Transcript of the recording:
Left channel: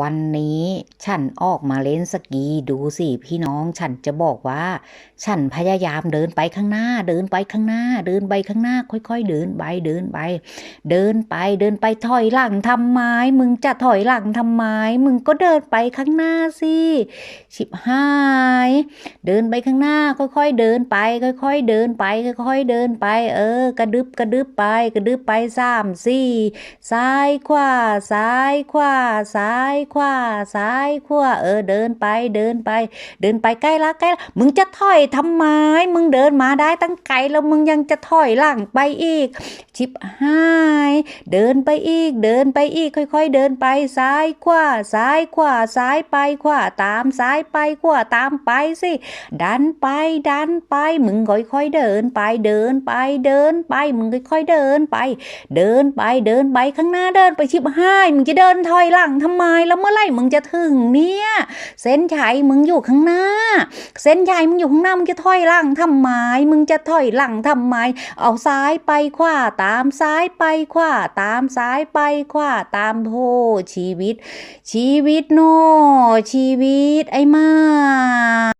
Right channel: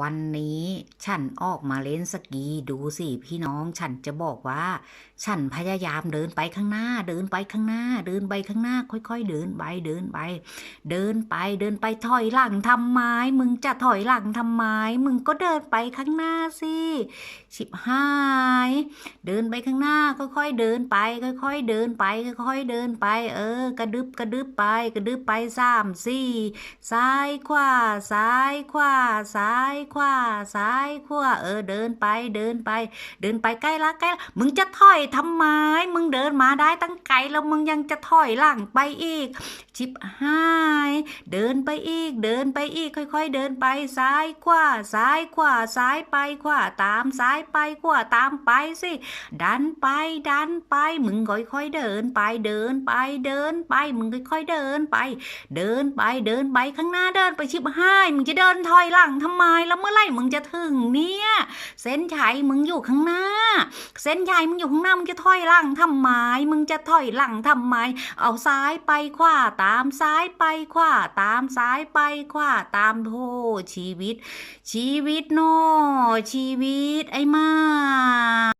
วันนี้ฉันออกมาเล่นสกีดูสิพี่น้องฉันจะบอกว่า ฉันพยายามเดินไปข้างหน้า เดินไปข้างหน้า เดินไปข้างหน้า ค่อยๆ เดินไปเดินไป เดินไปเดินไปถอยหลังทำไมมึงจะถอยหลังทำไมมึงก็เดินไปข้างหน้าสิชิบหายเดินไปข้างหน้า ค่อยๆ เดินไป ค่อย ๆ เดินไป ค่อย ๆ เดินไป เออ กระดึบกระดึบไป กระดึบไปสามสี่ซ้ายขวาซ้ายขวาซ้ายขวาซ้ายขวาเออเดินไปเดินไป เดินไปใกล้ละใกล้ละมึงจะถอยทำไม มึงเดินมาได้ตั้งไกลแล้วมึงยังจะถอยหลังไปอีก ชิบหาย เดินไปอีก เดินไปอีกค่อย ๆ เดินไปซ้ายขวาซ้ายขวาซ้ายไปขวาตามซ้ายไปขวาตามไปสิ ดันไปดันไป มึงค่อยๆเดินไปเดินไปเดินไป มึงค่อยๆเดินไป เดินไปเดินไปข้างหน้าเดินไปชิบหายมึงจะเดินถอยหลังทำไมแล้วเมื่อไหร่มึงจะถึงเนี่ย เส้นชัยมึงอยู่ข้างหน้า เส้นชัยมึงอยู่ข้างหน้ามึงจะถอยหลังทำไมมึงจะถอยหลังทำไม เอาซ้ายไปขวาตามซ้ายไปขวาตามซ้ายไปขวาตามโธชีวิต ชีวิตโนชีวิตไอ้มา